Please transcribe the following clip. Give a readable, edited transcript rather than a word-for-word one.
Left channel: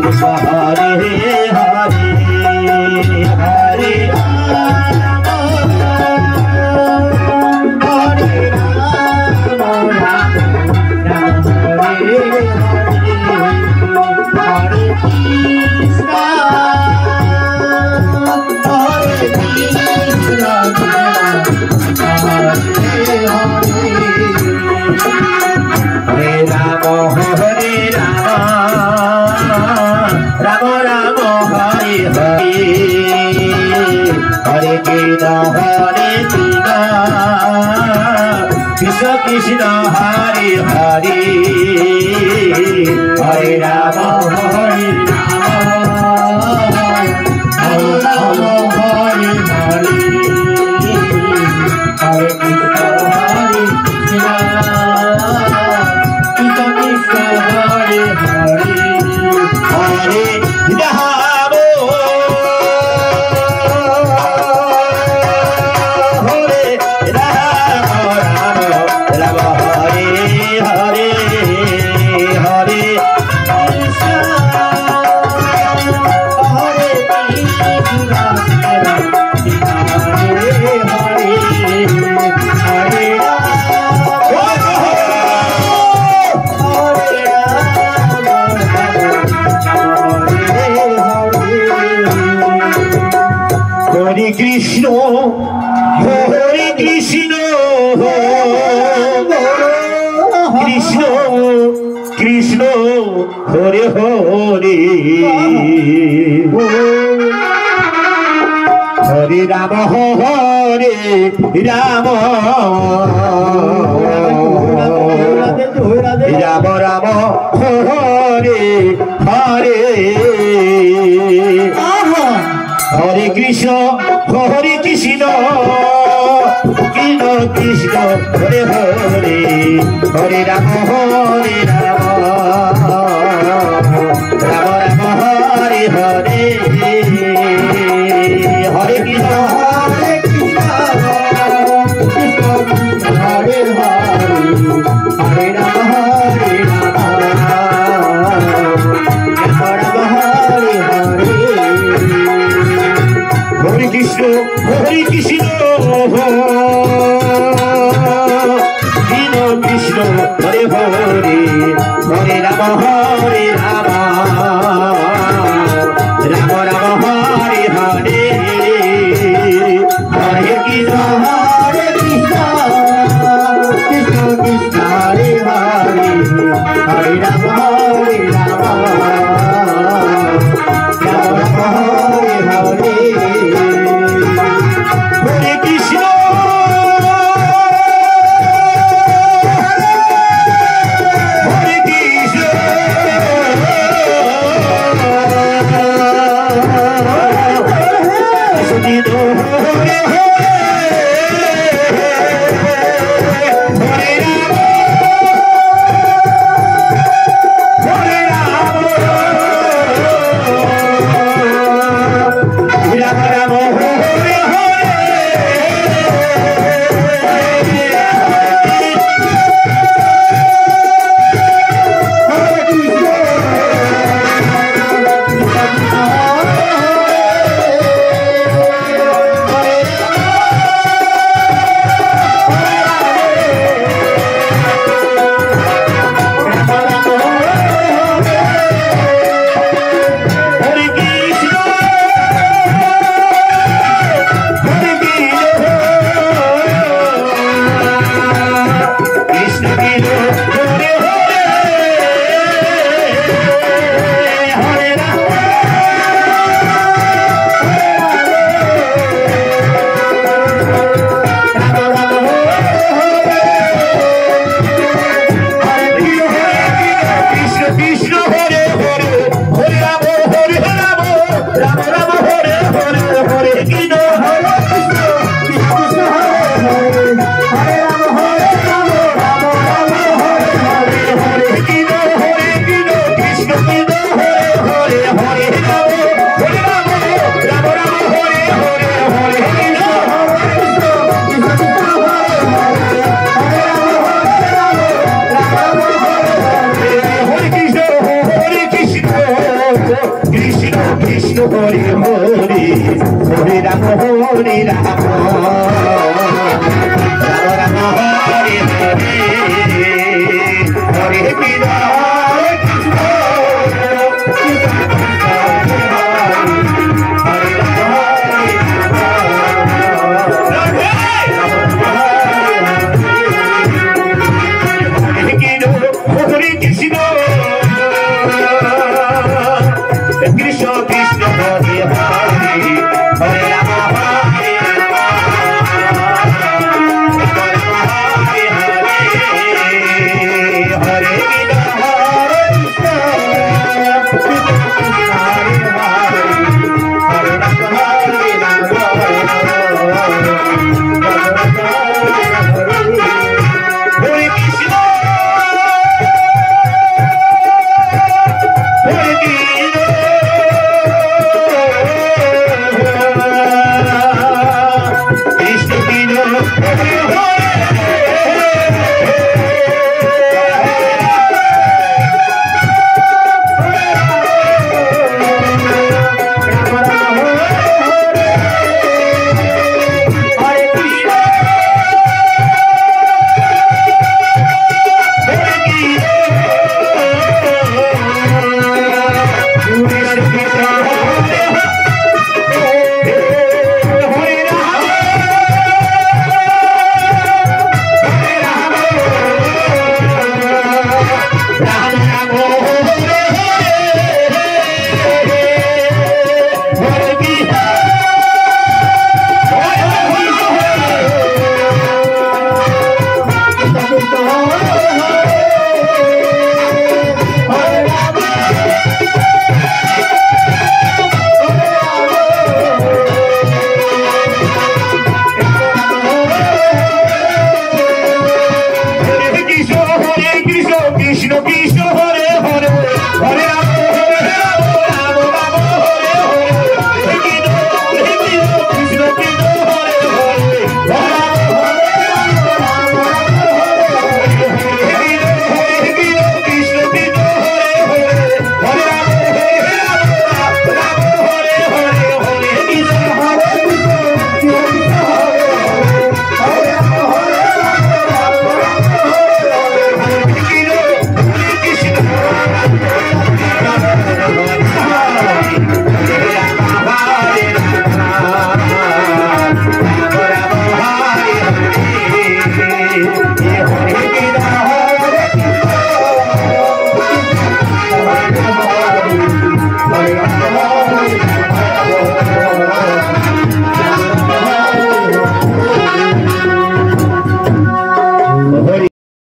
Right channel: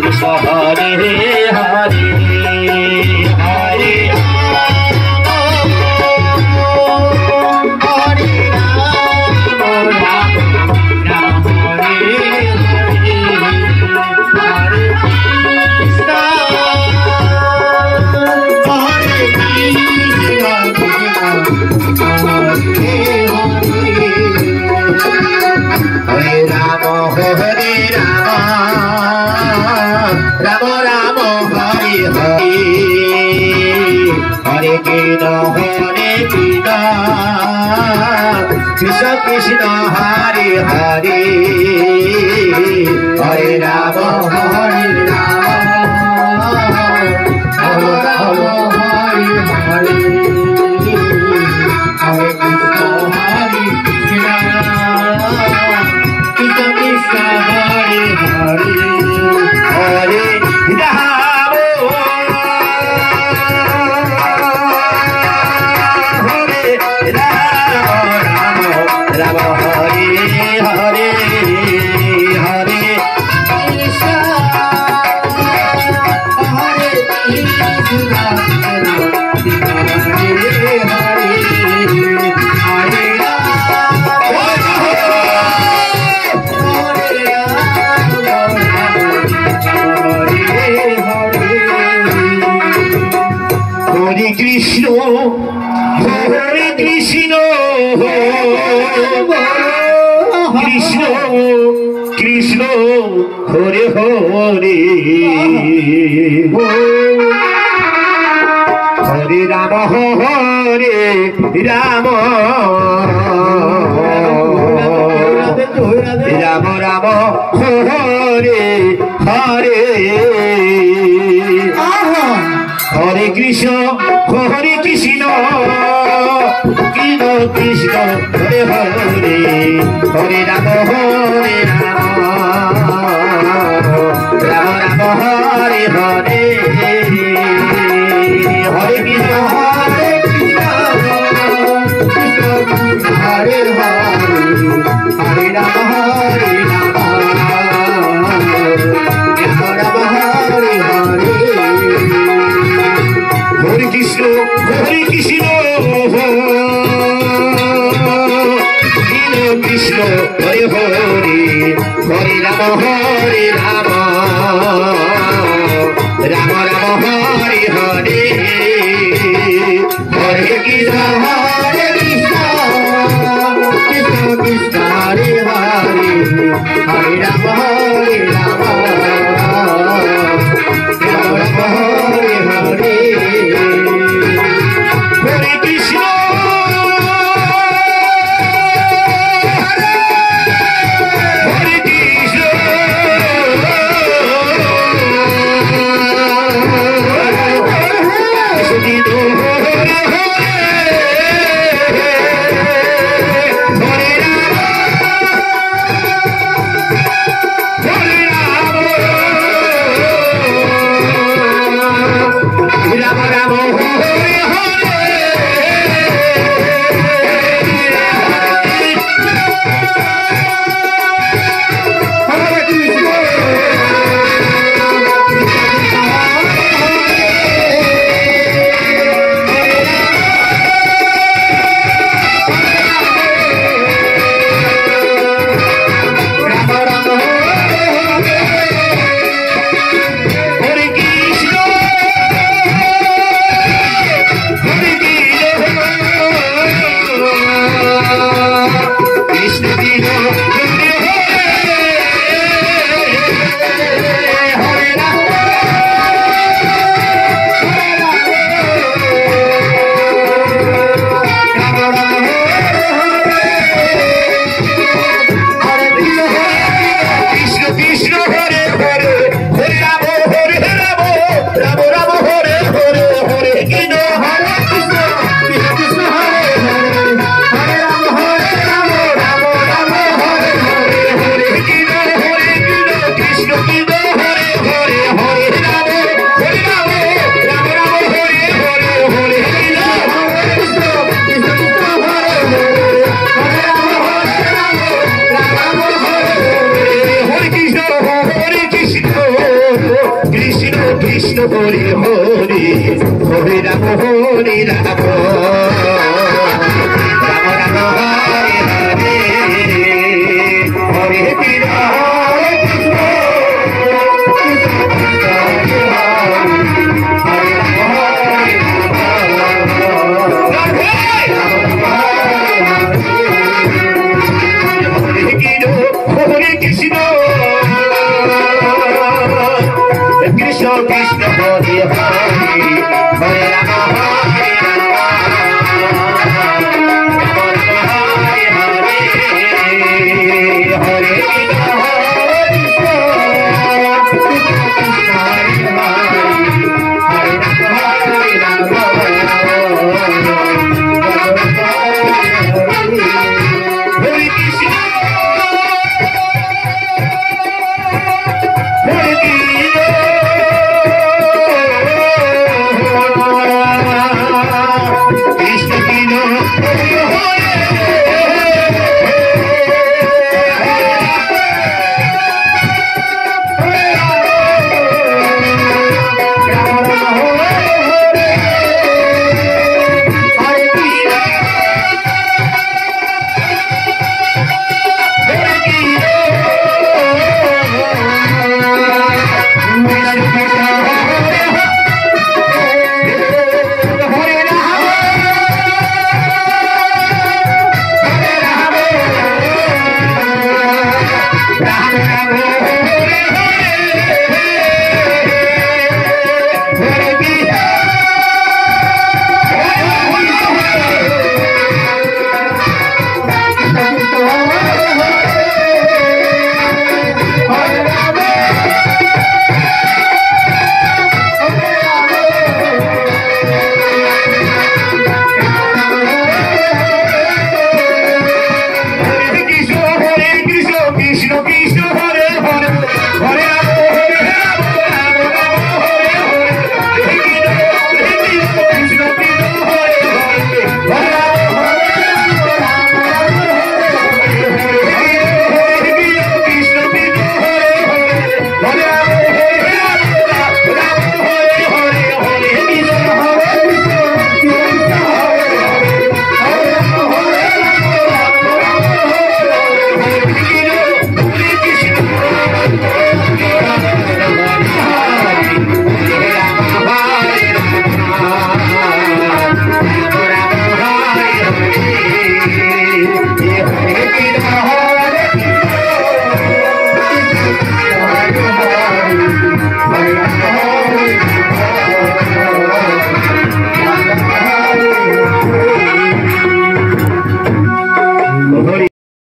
Krishna Hare Hare Hare Hare Krishna Krishna Krishna Hare Hare Hare Rama Hare Rama Rama Hare Hare Hare Krishna Krishna Krishna Hare Hare Hare Rama Krishna Hare Hare Hare Rama Hare Rama Rama Rama Hare Hare Hare Krishna Hare Krishna Krishna Krishna Hare Hare Hare Rama Hare Rama Rama Rama Hare Hare Hare Krishna Hare Krishna Krishna Krishna Hare Hare Hare Rama Hare Rama Rama Rama Hare Hare Hare Krishna Hare Krishna Krishna Hare Hare Hare Rama Hare Rama Rama Rama Hare Hare Hare Krishna Hare Krishna Krishna Krishna Hare Hare Hare Rama Hare Rama Rama Rama Hare Hare Hare Krishna Hare Krishna Hare Hare Hare Ram Hare Ram Ram Ram Hare Hare Hare Krishna Hare Krishna Hare Ram Hare Krishna Krishna Krishna Hare Hare Hare Ram Hare Hare Ram Ram